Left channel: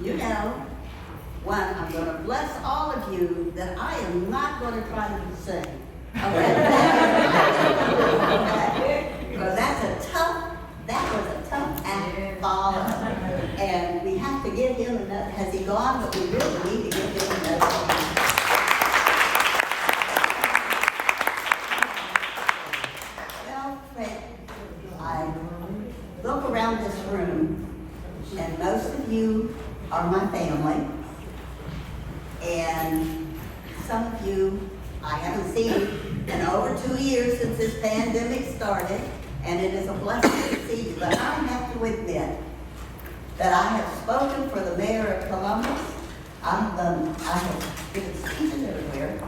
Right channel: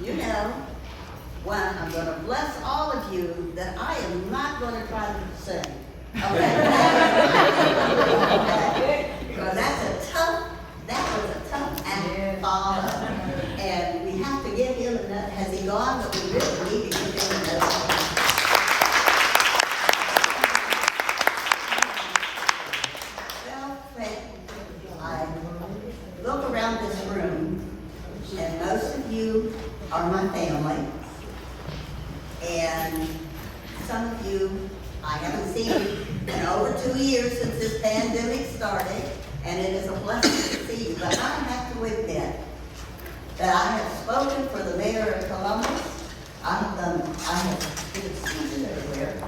You know, when I'm going to bless all of you, that I am not going to try to sing. Okay? Because that was a tough act to follow. And we have to give him another. Has he gone? But we really need to give him another. Well, I look around this room, and most of you are my family, and some of you I haven't seen in over 2 years since this pandemic started, and it is a blessing to see you. But I have to admit that I have spoken for the mayor of Columbus. I have given speeches everywhere.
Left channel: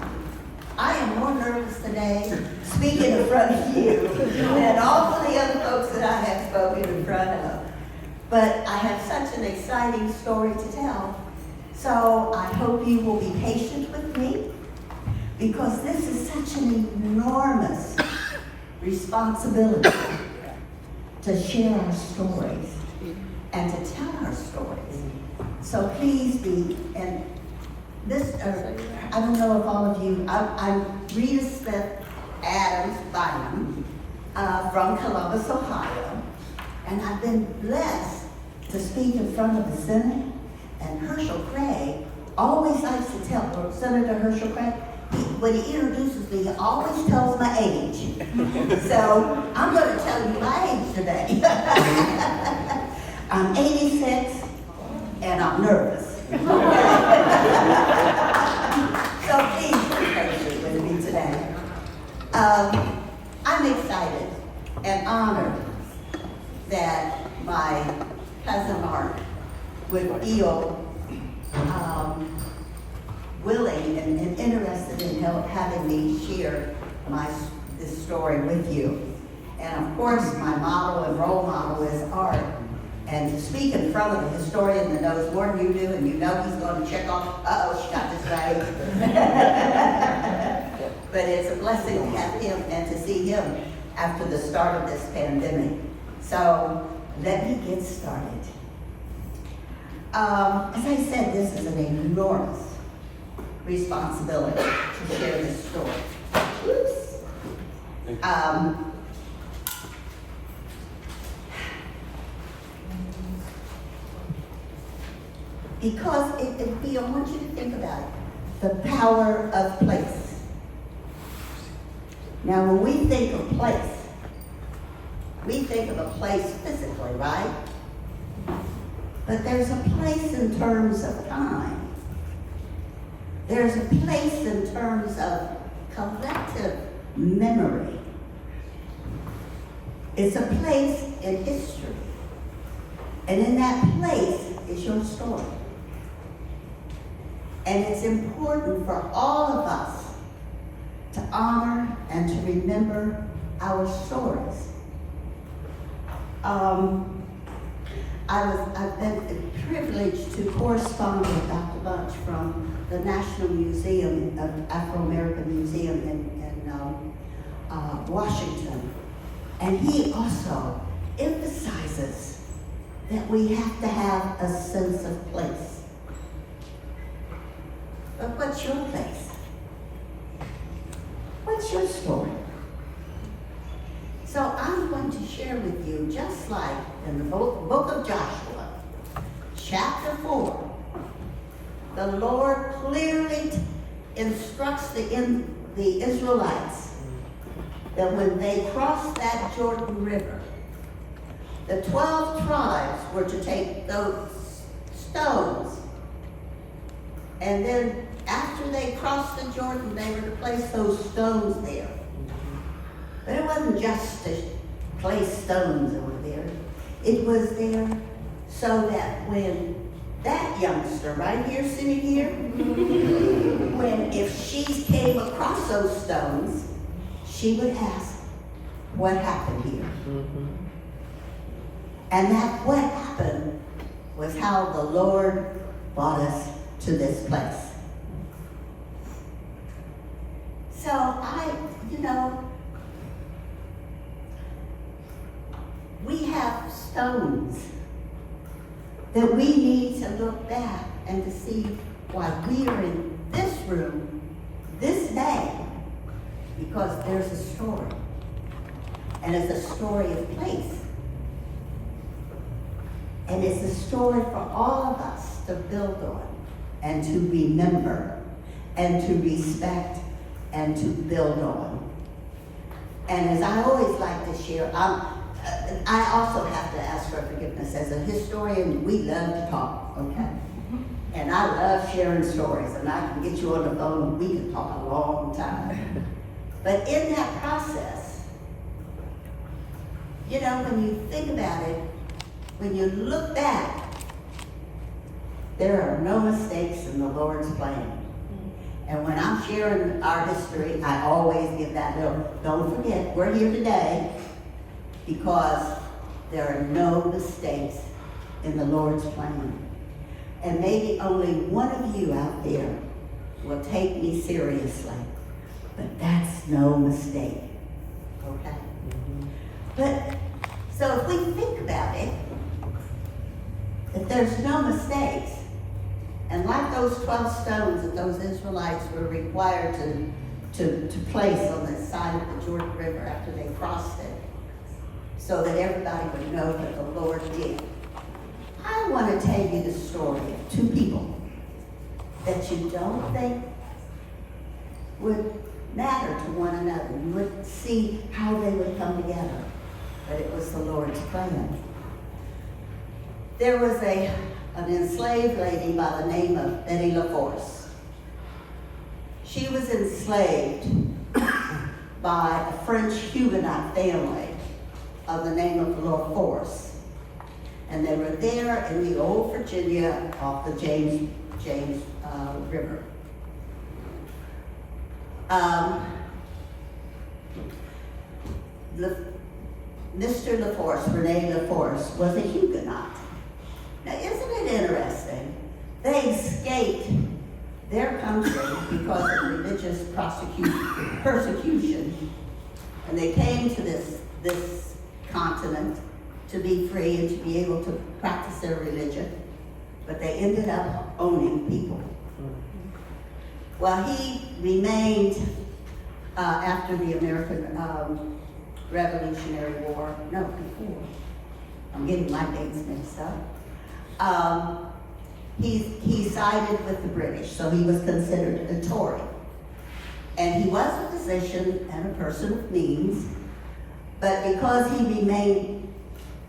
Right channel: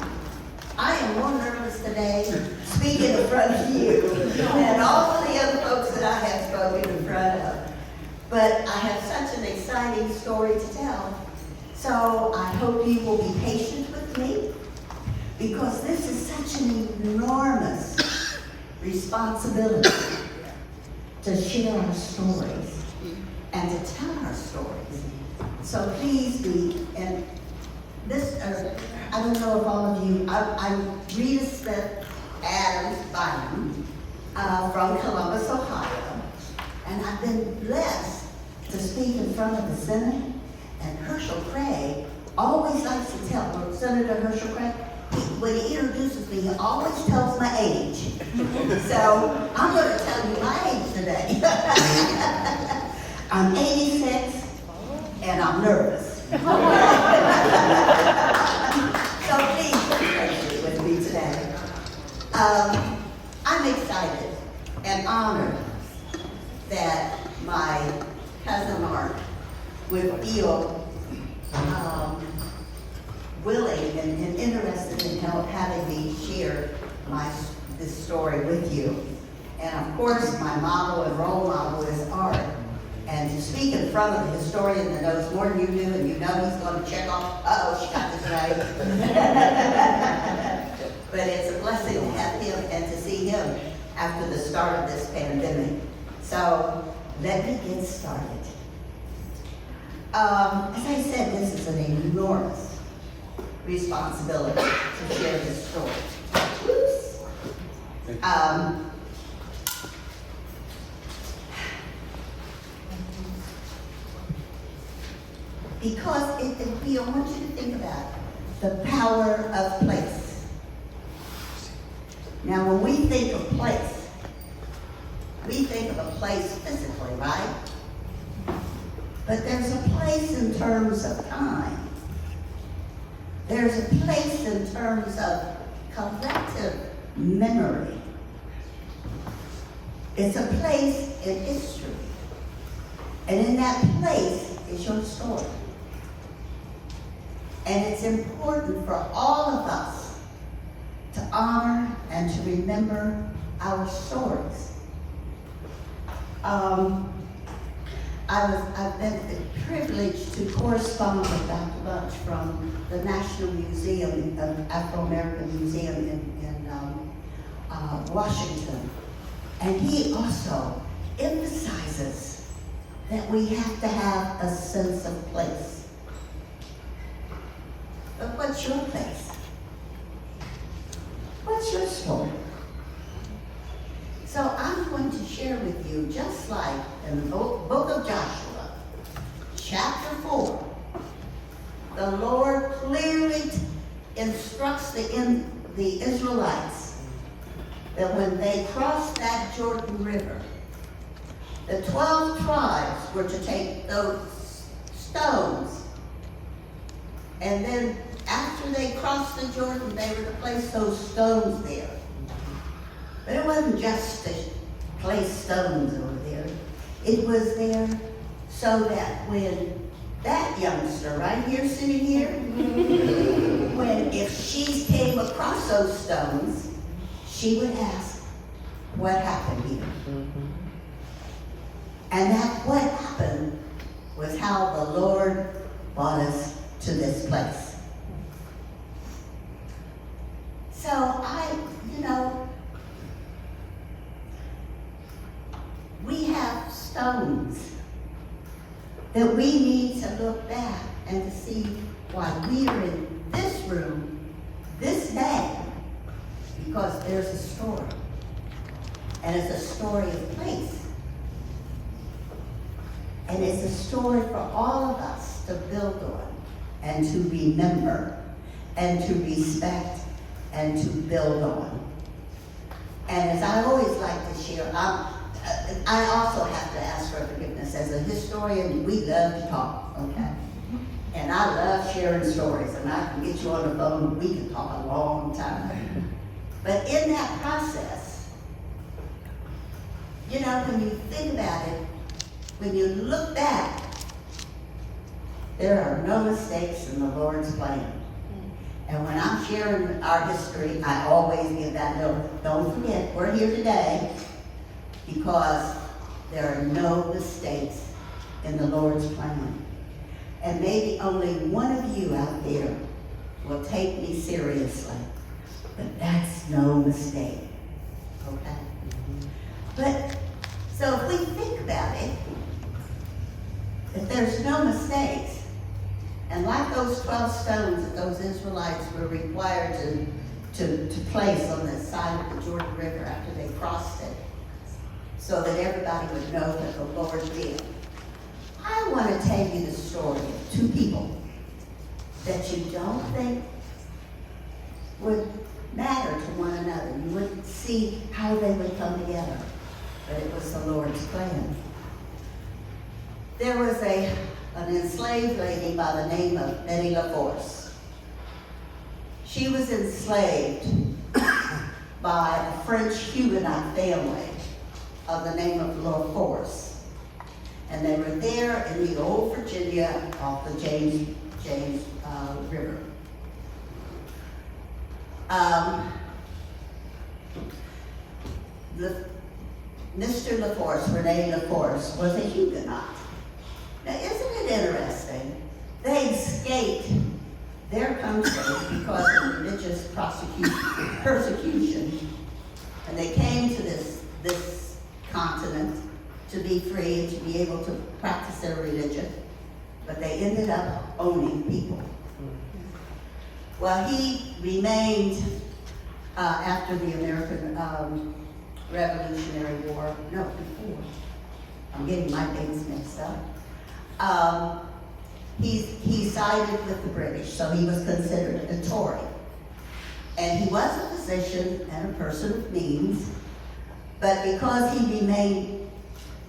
I am more nervous today speaking in front of you than all of the other folks that I have spoken in front of. But I have such an exciting story to tell. So I hope you will be patient with me, because this is such an enormous responsibility to share our stories and to tell our stories. So please be, and this, I don't know if all of you, I'm Reita Smith Adams Bynum from Columbus, Ohio, and I've been blessed to speak in front of the Senate. And Herschel Craig always likes to tell, Senator Herschel Craig, when he introduces me, he always tells my age. So I'm going to tell you my age today. I'm 86, and I'm nervous. So please pray with me today. I'm excited and honored that my cousin Mark would feel willing and interested in having me share this story with you. And of course, my model and role model is Art. And to speak in front of a historian that knows more than you do, and you know he's going to check off, she got this right. But it's a blessing to have him and to see him after the start of this pandemic. So let me get started. As I said, this is an enormous responsibility to share this story. Oops. Because I want you to think about the power of place. Now, when we think of place, we think of a place physically, right? But there's a place in terms of time. There's a place in terms of collective memory. It's a place in history. And in that place is your story. And it's important for all of us to honor and to remember our stories. I've been privileged to correspond with Dr. Bunch from the National Museum of Afro-American Museum in Washington. And he also emphasizes that we have to have a sense of place. But what's your place? What's your story? So I'm going to share with you, just like in the book of Joshua, chapter 4, the Lord clearly instructs the Israelites that when they crossed that Jordan River, the 12 tribes were to take those stones, and then after they crossed the Jordan, they were to place those stones there. But it wasn't just to place stones over there. It was there so that when that youngster right here, sitting here, if she came across those stones, she would ask, what happened here? And that what happened was how the Lord brought us to this place. So we have stones that we need to look back and to see why we are in this room this day, because there's a story. And it's a story of place. And it's a story for all of us to build on and to remember and to respect and to build on. And as I always like to share, I also have to ask for forgiveness. As a historian, we love to talk, okay? And I love sharing stories, and I can get you on the phone and we can talk a long time. But in that process, you know, when you think about it, when you look back, there are no mistakes in the Lord's plan. And when I'm sharing our history, I always give that little, don't forget, we're here today because there are no mistakes in the Lord's plan. And maybe only one of you out there will take me seriously, but that's no mistake, okay? But, so if we think about it, if there's no mistakes, and like those 12 stones that those Israelites were required to place on the side of the Jordan River after they crossed it, so that everybody would know that the Lord did. I want to tell you the story of two people that you don't think would matter to one another. You would see how they would come together, but it was the Lord's plan. There was an enslaved lady by the name of Betty LaForce. She was enslaved by a French Huguenot family of the name of LaForce. And they were there in the old Virginia off the James River. Mr. LaForce, Rene LaForce, was a Huguenot. Now, isn't it interesting? They escaped their country because of religious persecution, and they came to this continent to be free and to be able to practice their religion, but they ended up owning people. Well, he remained after the American Revolutionary War, no, before. I'm getting my dates mixed up. He sided with the British, so he was considered a Tory. And he was a physician and a person of means, but because he remained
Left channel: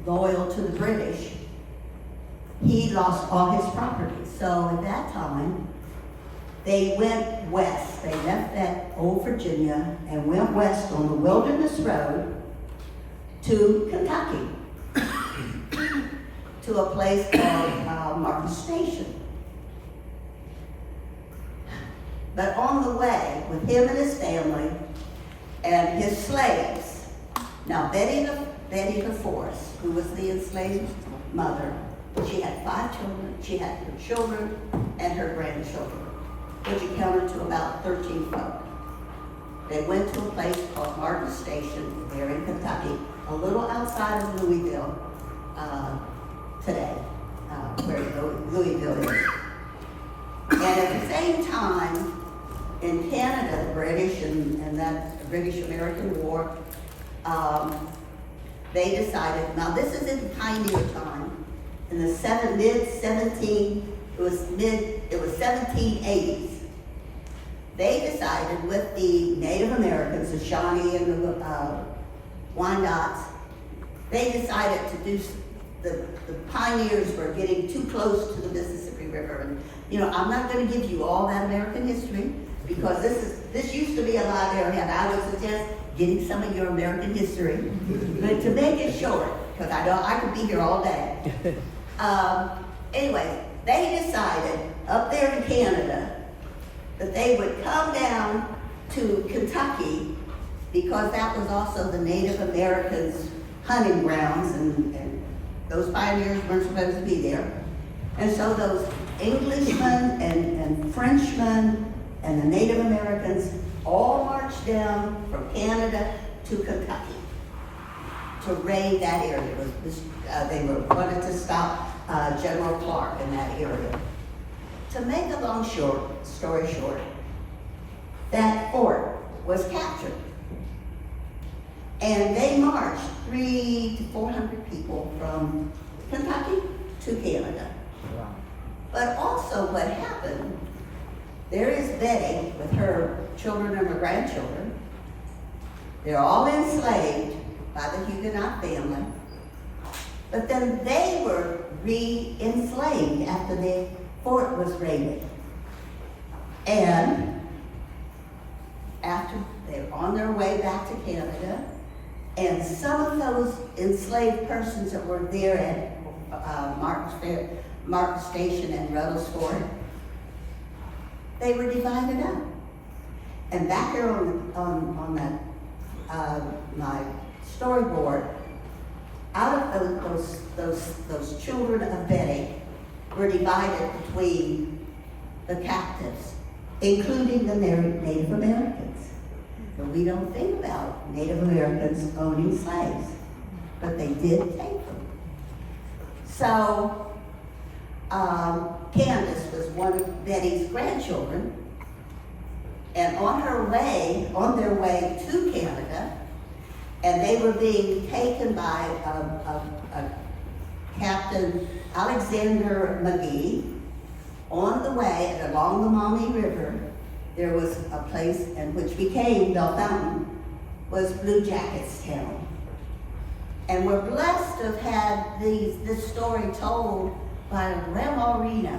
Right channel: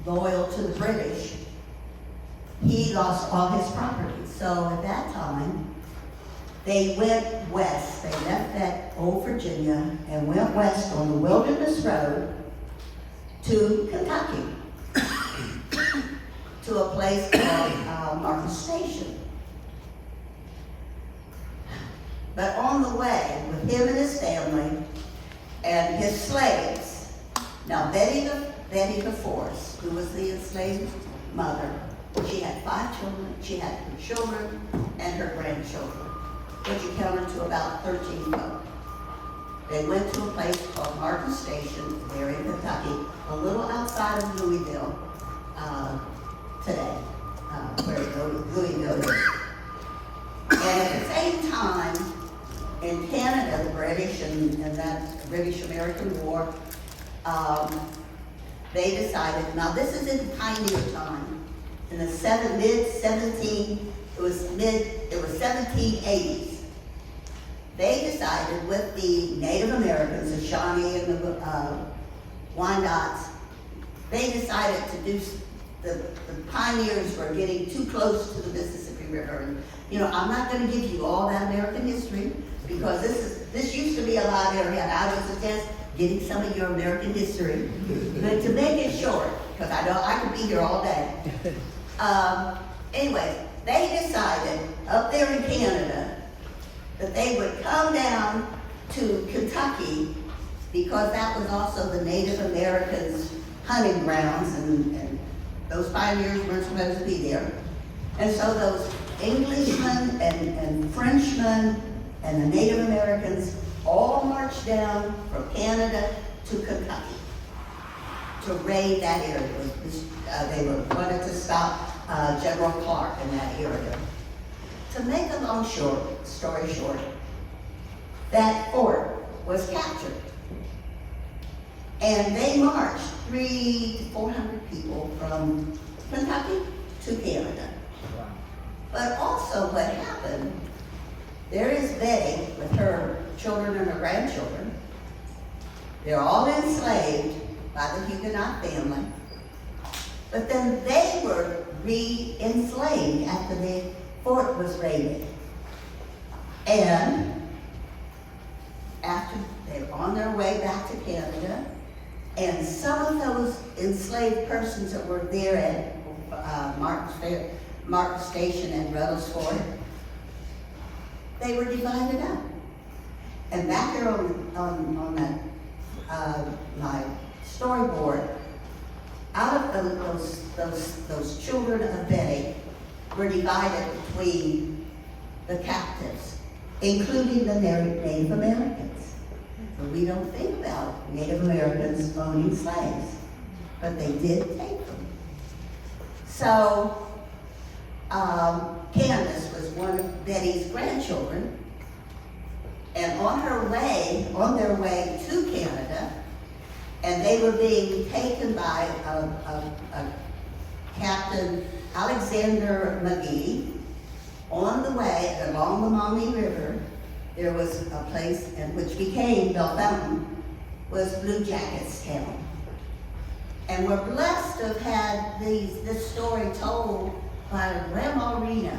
loyal to the British, he lost all his property. So at that time, they went west. They left that old Virginia and went west on the Wilderness Road to Kentucky, to a place called Marcus Station. But on the way, with him and his family and his slaves, now Betty LaForce, who was the enslaved mother, she had 5 children. She had her children and her grandchildren, which accounted to about 13 folk. They went to a place called Marcus Station there in Kentucky, a little outside of Louisville today, where Louisville is. And at the same time, in Canada, the British and that British-American War, they decided, now this is in pioneer time, in the it was 1780s. They decided with the Native Americans, the Shawnee and the Wyandots, they decided to do, the pioneers were getting too close to the Mississippi River. And, you know, I'm not going to give you all that American history, because this used to be a live area, and I would suggest getting some of your American history. But to make it short, because I could be here all day. Anyway, they decided up there in Canada that they would come down to Kentucky, because that was also the Native Americans' hunting grounds, and those pioneers weren't supposed to be there. And so those Englishmen and Frenchmen and the Native Americans all marched down from Canada to Kentucky to raid that area. They were wanted to stop General Clark in that area. To make a long story short, that fort was captured. And they marched 300 to 400 people from Kentucky to Canada. But also what happened, there is Betty with her children and her grandchildren. They're all enslaved by the Huguenot family. But then they were re-enslaved after the fort was raided. And after they're on their way back to Canada, and some of those enslaved persons that were there at Martin Station and Ruddles Fort, they were divided up. And back here on that my storyboard, out of those children of Betty were divided between the captives, including the Native Americans. So we don't think about Native Americans owning slaves, but they did take them. So Candace was one of Betty's grandchildren, and on their way to Canada, and they were being taken by a Captain Alexander McGee. On the way, along the Maumee River, there was a place, and which became Bell Fountain, was Blue Jackets Town. And we're blessed to have had this story told by Grandma Reno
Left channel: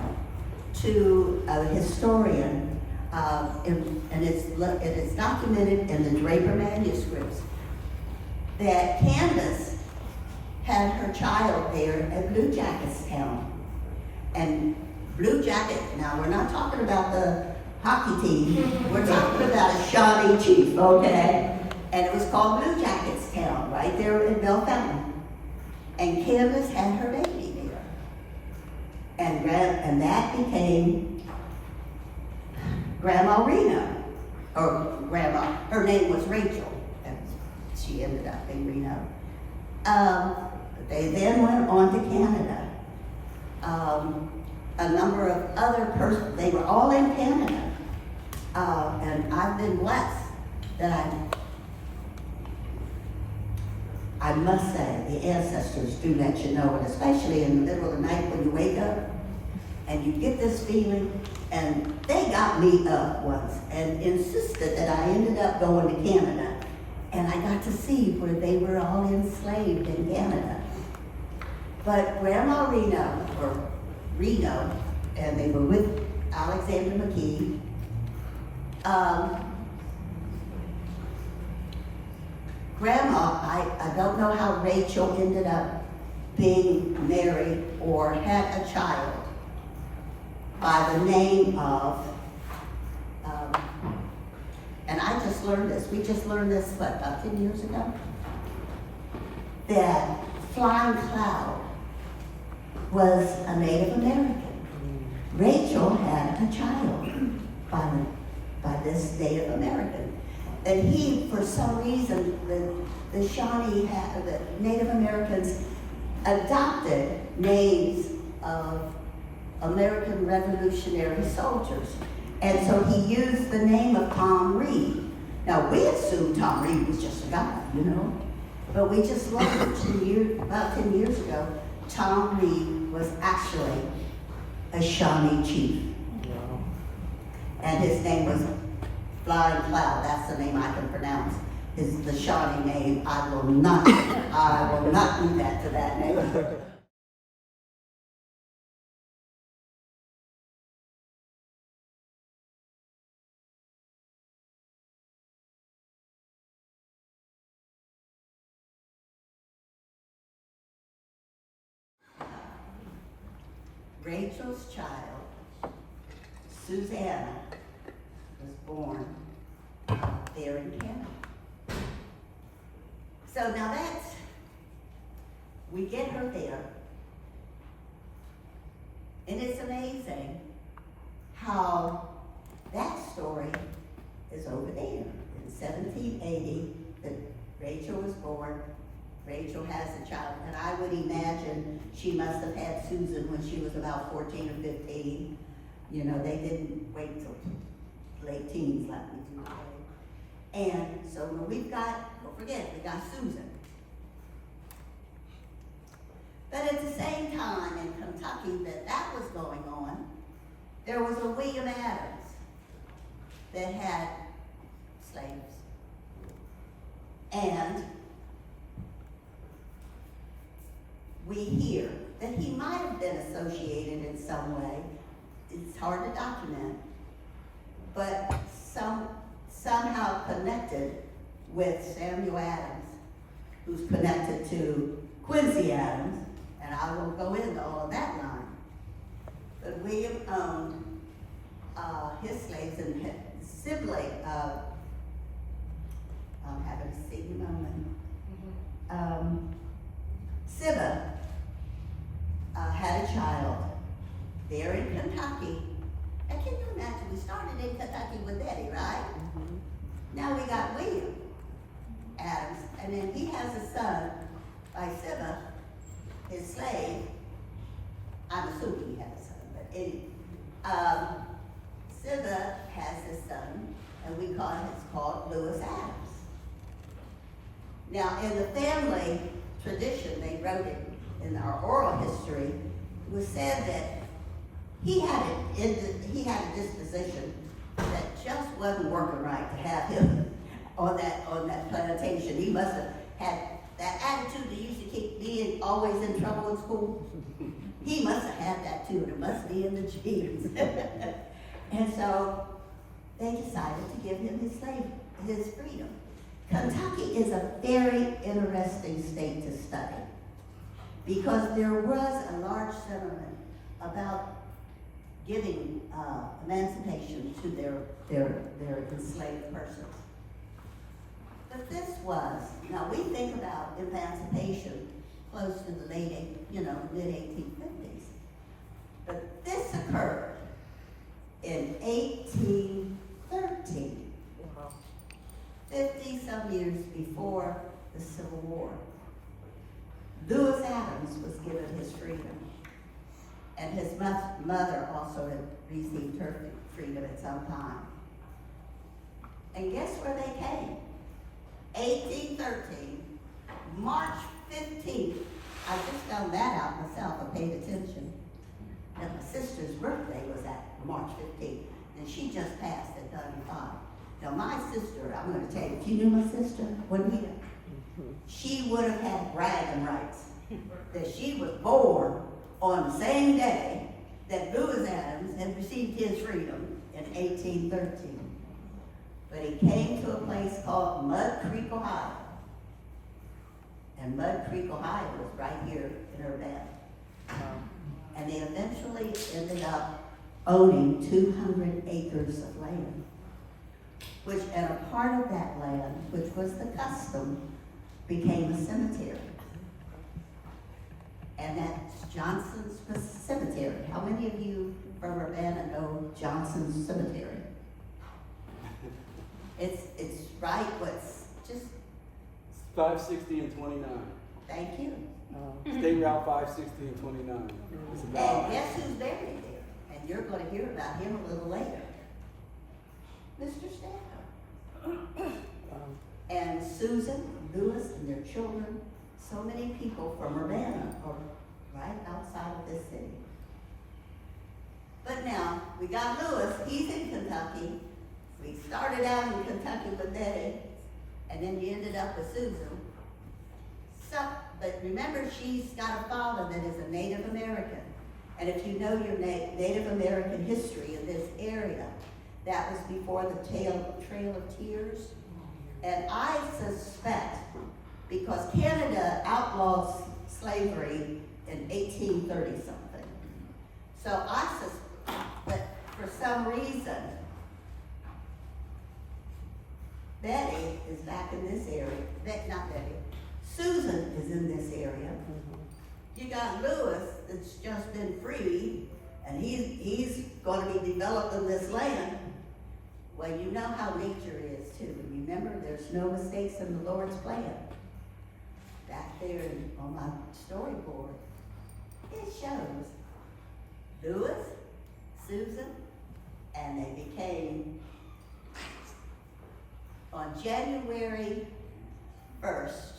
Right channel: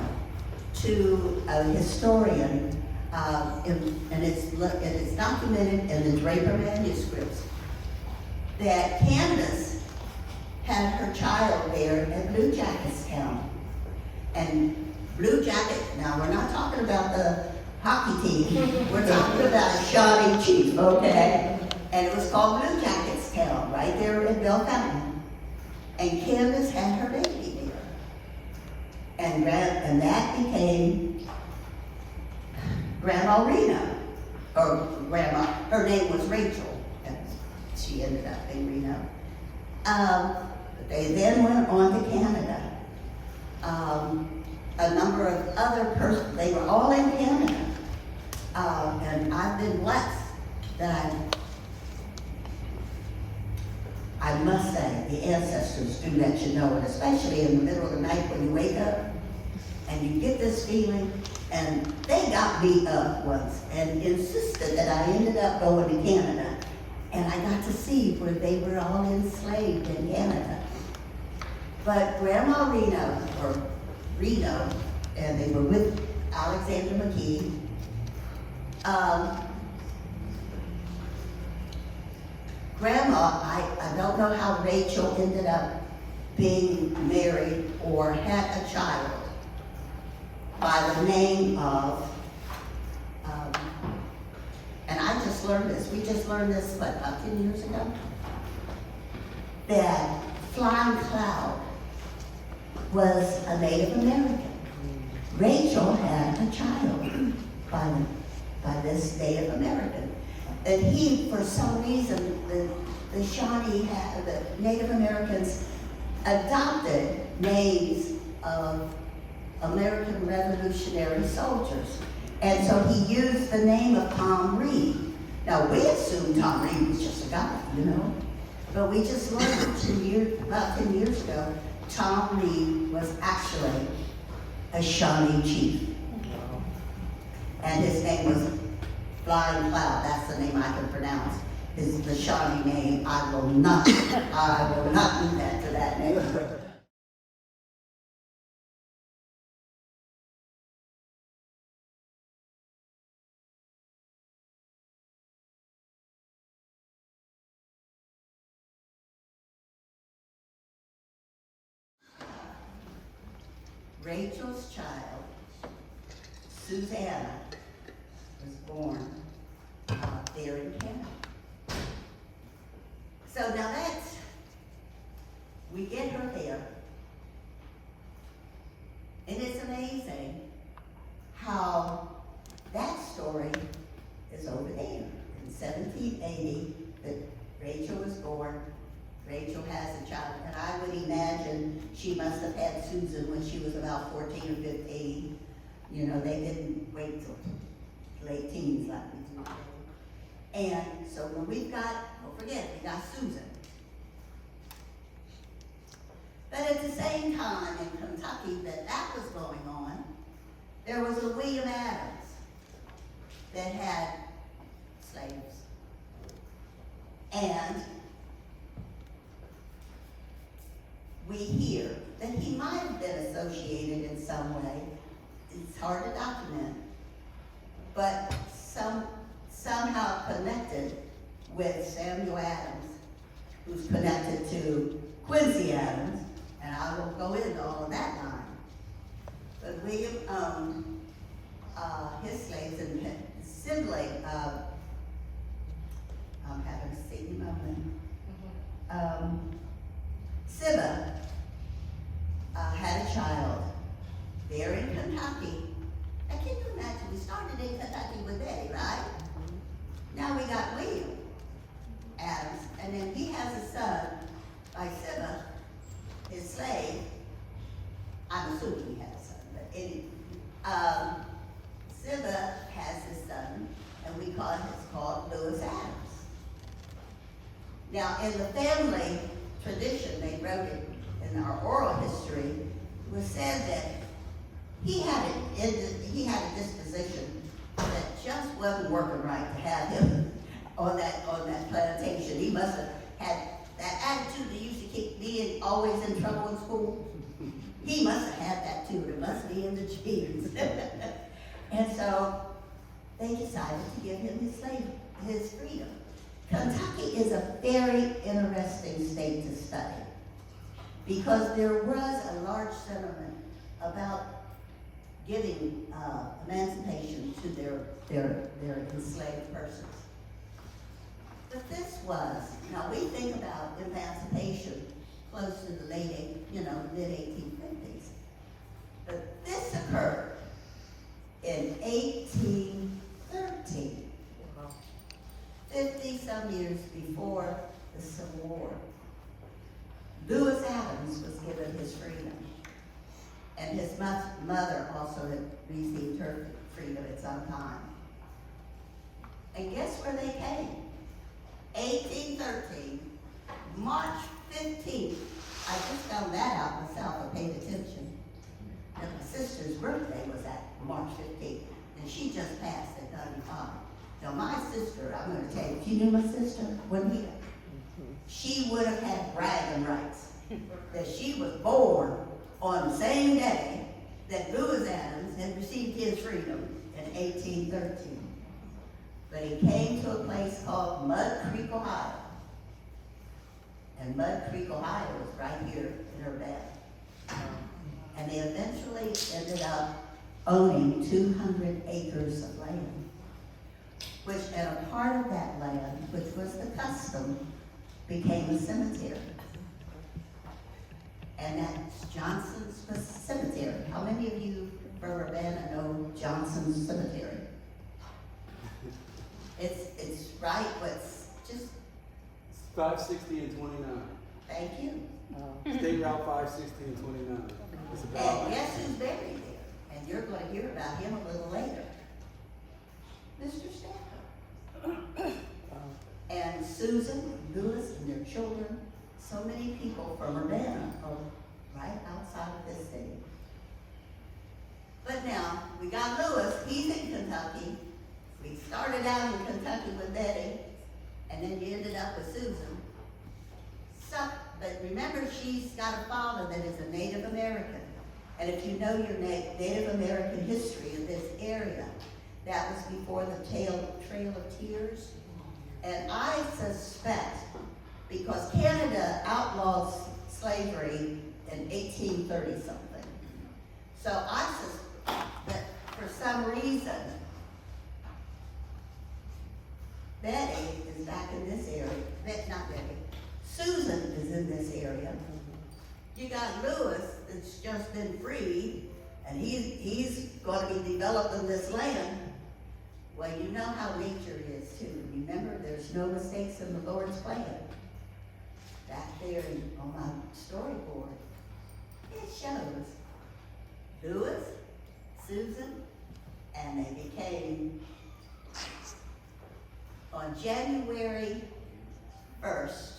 to a historian, and it is documented in the Draper manuscripts, that Candace had her child there at Blue Jackets Town. And Blue Jacket, now we're not talking about the hockey team, we're talking about a Shawnee chief, okay? And it was called Blue Jackets Town, right there in Bell Fountain. And Candace had her baby there. And that became Grandma Reno, or Grandma, her name was Rachel, and she ended up being Reno. They then went on to Canada. A number of other persons, they were all in Canada. And I've been blessed that I must say, the ancestors do let you know, and especially in the middle of the night when you wake up and you get this feeling. And they got me up once and insisted that I ended up going to Canada. And I got to see where they were all enslaved in Canada. But Grandma Reno, and they were with Alexander McKee. Grandma, I don't know how Rachel ended up being married or had a child by the name of, and I just learned this, we just learned this, what, about 10 years ago? That Flying Cloud was a Native American. Rachel had a child by this Native American. And he, for some reason, the Shawnee, the Native Americans adopted names of American Revolutionary soldiers. And so he used the name of Tom Reed. Now, we assumed Tom Reed was just a guy, you know? But we just learned about 10 years ago, Tom Reed was actually a Shawnee chief. And his name was Flying Cloud. That's the name I can pronounce. Is the Shawnee name. I will not do that to that name. Rachel's child, Susanna, was born there in Canada. So now we get her there, and it's amazing how that story is over there. In 1780, that Rachel was born, Rachel has a child, and I would imagine she must have had Susan when she was about 14 or 15. You know, they didn't wait till late teens like we do today. And so when we've got, don't forget, we got Susan. But at the same time in Kentucky that was going on, there was a William Adams that had slaves. And we hear that he might have been associated in some way. It's hard to document, but somehow connected with Samuel Adams, who's connected to Quincy Adams, and I will go into all of that line. But William owned his slaves, and sibling, I'm having a singing moment. Siba had a child there in Kentucky. Now can you imagine, we started in Kentucky with Eddie, right? Now we got William Adams, and then he has a son by Siba, his slave. I'm assuming he had a son, but anyway. Siba has his son, and we call him, it's called Lewis Adams. Now in the family tradition, they wrote it in our oral history, it was said that he had a disposition that just wasn't working right to have him on that plantation. He must have had that attitude that used to keep me always in trouble in school. He must have had that too, and it must be in the genes. And so they decided to give him his freedom. Kentucky is a very interesting state to study because there was a large sentiment about giving emancipation to their enslaved persons. But this was, now we think about emancipation close to the mid-1850s. But this occurred in 1813. 50 some years before the Civil War. Lewis Adams was given his freedom, and his mother also had received her freedom at some time. And guess where they came? 1813, March 15th. I just found that out myself. I paid attention. And my sister's birthday was at March 15th, and she just passed at 95. Now my sister, I'm going to tell you, if you knew my sister, she would have had bragging rights that she was born on the same day that Lewis Adams had received his freedom in 1813. But he came to a place called Mud Creek, Ohio. And Mud Creek, Ohio was right here in Urbana. And they eventually ended up owning 200 acres of land. And a part of that land, which was the custom, became a cemetery. And that's Johnson's Cemetery. How many of you from Urbana know Johnson's Cemetery? It's right, what's just... 560 and 29. Thank you. State Route 560 and 29. And guess who's buried there? And you're going to hear about him a little later. Mr. Stanhope. And Susan, Lewis, and their children, so many people from Urbana are right outside of this city. But now, we got Lewis, he's in Kentucky. We started out in Kentucky with Betty, and then you ended up with Susan. But remember, she's got a father that is a Native American. And if you know your Native American history in this area, that was before the Trail of Tears. And I suspect, because Canada outlawed slavery in 1830 something. So I suspect that for some reason, Betty is back in this area. Not Betty. Susan is in this area. You got Lewis that's just been freed, and he's going to be developing this land. Well, you know how nature is too. Remember, there's no mistakes in the Lord's plan. That there on my storyboard, it shows Louis, Susan, and they became, on January 1st,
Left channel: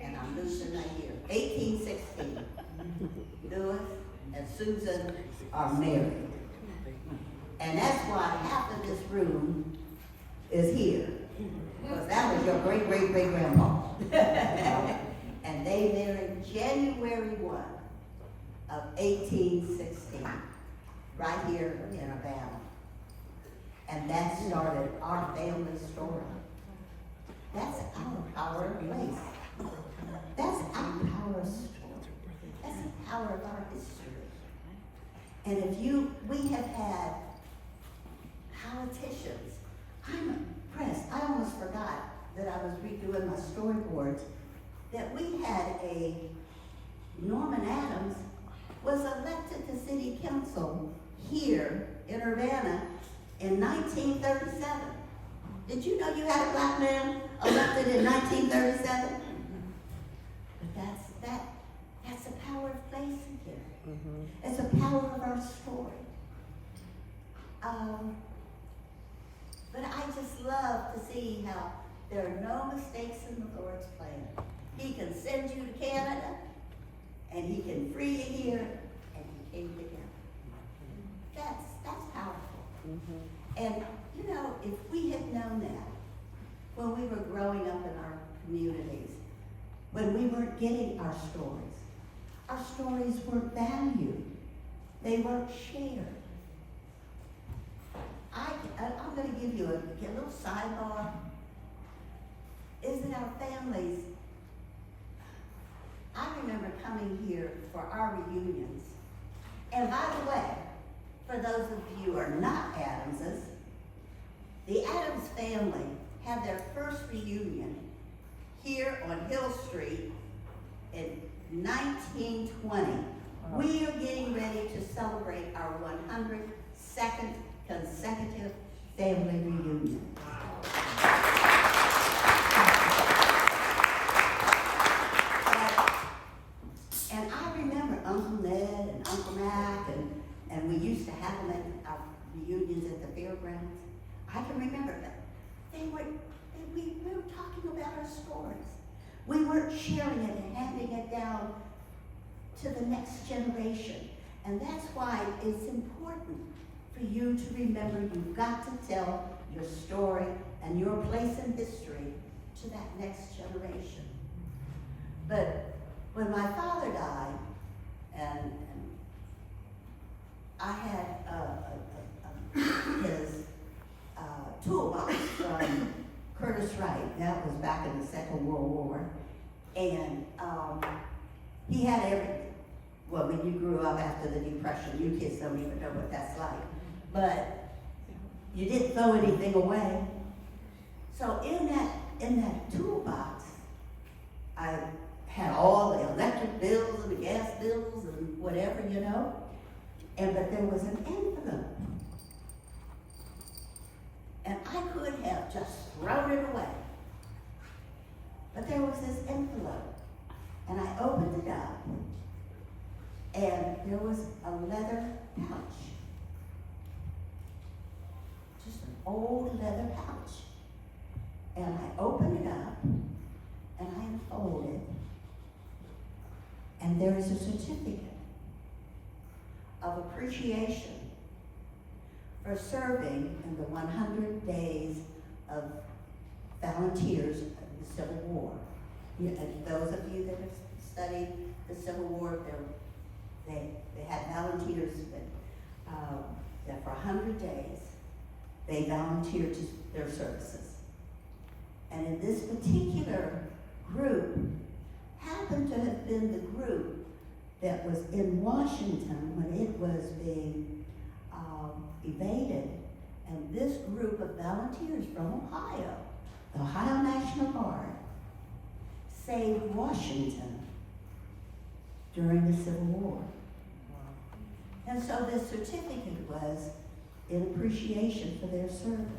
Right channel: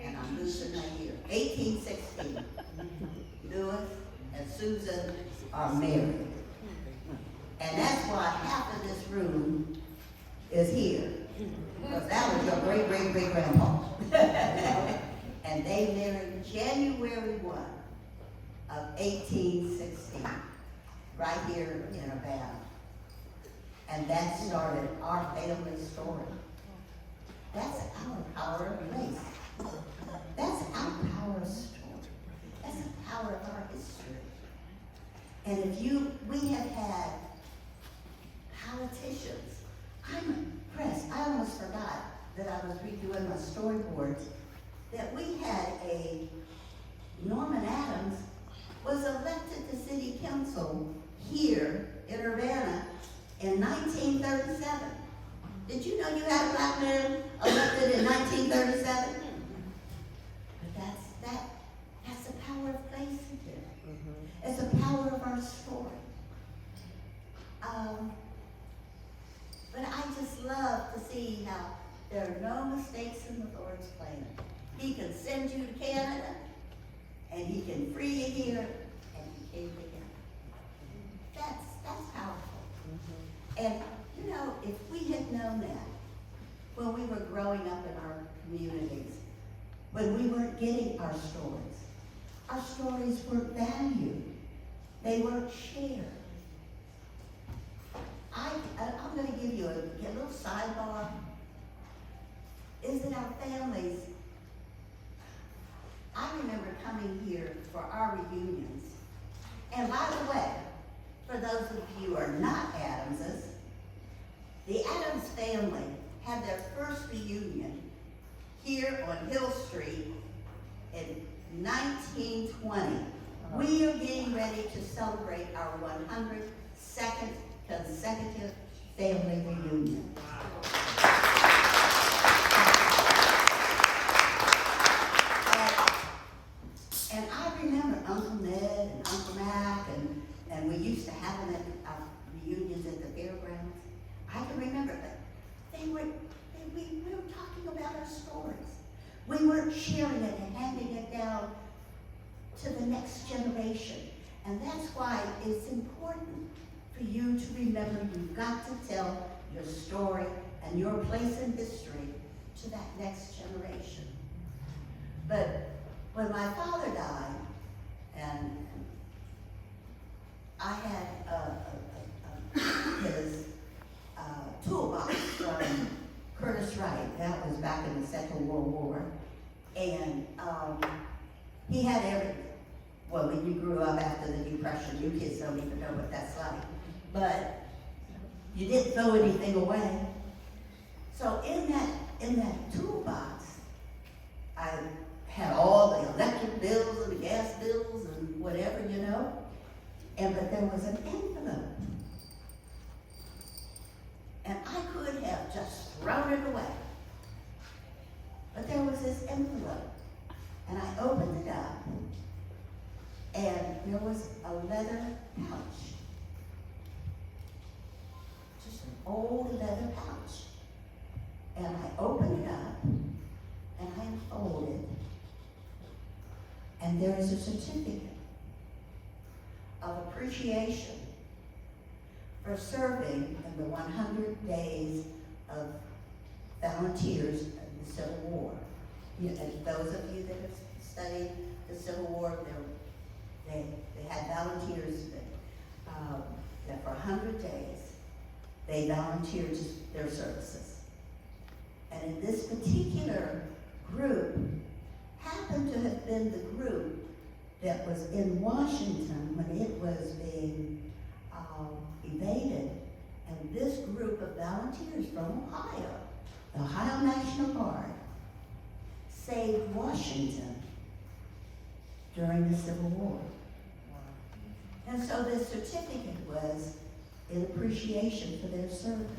and I'm losing my year, 1816, Louis and Susan are married. And that's why half of this room is here, because that was your great-great-great-grandpa. And they married January 1 of 1816, right here in Urbana. And that started our family story. That's our power of place. That's our power of story. That's the power of our history. And we have had politicians. I'm impressed. I almost forgot that I was redoing my storyboards, that we had Norman Adams was elected to city council here in Urbana in 1937. Did you know you had a black man elected in 1937? But that's the power of place again. It's the power of our story. But I just love to see how there are no mistakes in the Lord's plan. He can send you to Canada, and he can free you here, and he came together. That's powerful. And you know, if we had known that when we were growing up in our communities, when we weren't getting our stories weren't valued. They weren't shared. I'm going to give you a little sidebar. Is that our families, I remember coming here for our reunions. And by the way, for those of you who are not Adamses, the Adams family had their first reunion here on Hill Street in 1920. We are getting ready to celebrate our 102nd consecutive family reunion. And I remember Uncle Ned and Uncle Mac, and we used to have them at our reunions at the fairgrounds. I can remember that we were talking about our stories. We weren't sharing it and handing it down to the next generation. And that's why it's important for you to remember you've got to tell your story and your place in history to that next generation. But when my father died, and I had his toolbox from Curtis Wright. That was back in the Second World War. And he had everything. Well, when you grew up after the Depression, you kids don't even know what that's like. But you didn't throw anything away. So in that toolbox, I had all the electric bills and the gas bills and whatever, you know. But there was an envelope. And I could have just thrown it away. But there was this envelope. And I opened it up. And there was a leather pouch. Just an old leather pouch. And I opened it up. And I unfolded it. And there is a certificate of appreciation for serving in the 100 days of volunteers in the Civil War. Those of you that have studied the Civil War, they had volunteers that for 100 days, they volunteered to their services. And in this particular group, happened to have been the group that was in Washington when it was being evaded. And this group of volunteers from Ohio, the Ohio National Guard, saved Washington during the Civil War. And so this certificate was in appreciation for their service.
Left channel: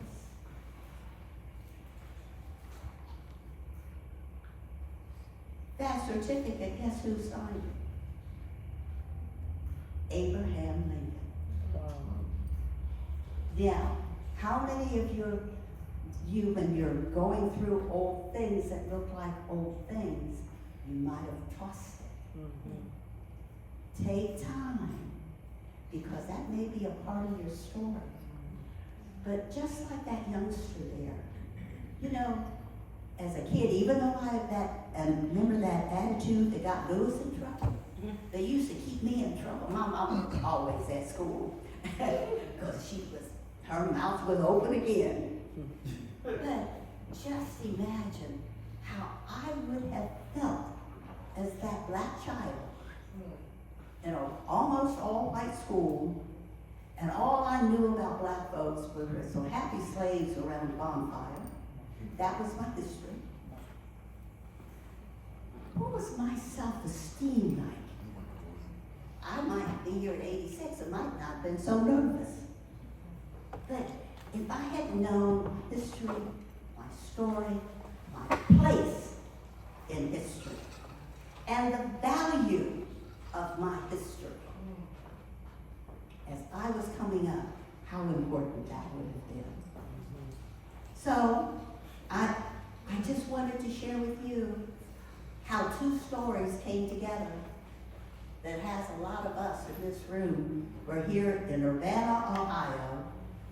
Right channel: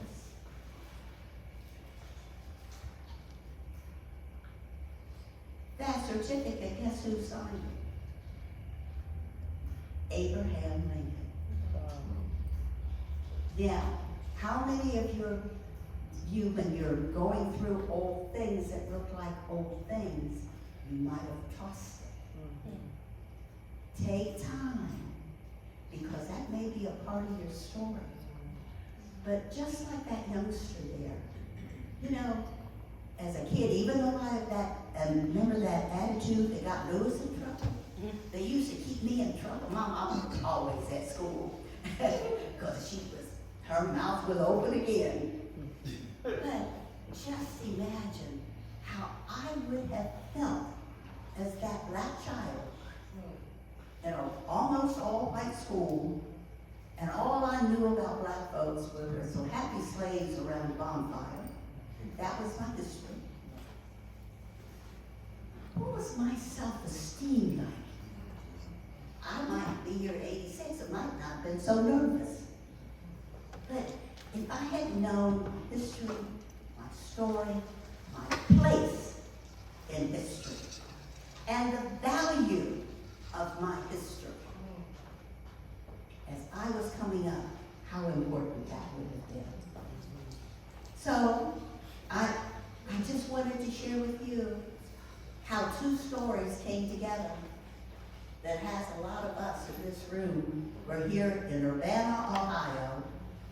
that certificate, guess who signed it? Abraham Lincoln. Now, how many of you, when you're going through old things that look like old things, you might have tossed it? Take time, because that may be a part of your story. But just like that youngster there, you know, as a kid, even though I had that, and remember that attitude that got Lewis in trouble? They used to keep me in trouble. My mom was always at school, because her mouth was open again. But just imagine how I would have felt as that black child in an almost all-white school, and all I knew about black folks were some happy slaves around the bonfire. That was my history. What was my self-esteem like? I might be here at 86, I might not have been so nervous. But if I had known history, my story, my place in history, and the value of my history, as I was coming up, how important that would have been. So, I just wanted to share with you how two stories came together that has a lot of us in this room. We're here in Urbana, Ohio,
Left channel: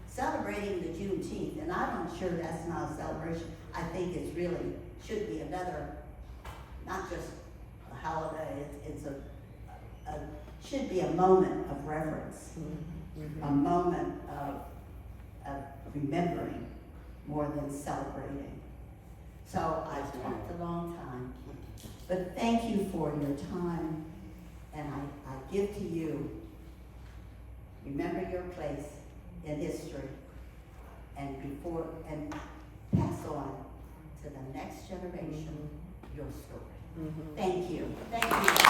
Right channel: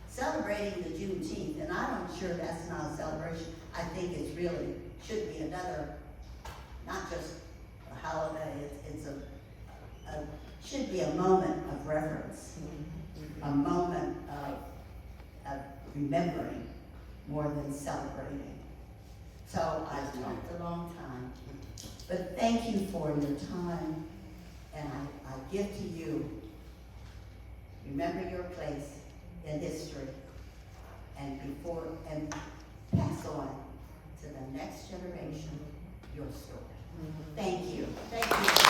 celebrating the Juneteenth, and I'm sure that's not a celebration. I think it's really should be another, not just a holiday. It's should be a moment of reverence, a moment of remembering more than celebrating. So I've talked a long time, but thank you for your time, and I give to you. Remember your place in history, and pass on to the next generation your story. Thank you. Thank you.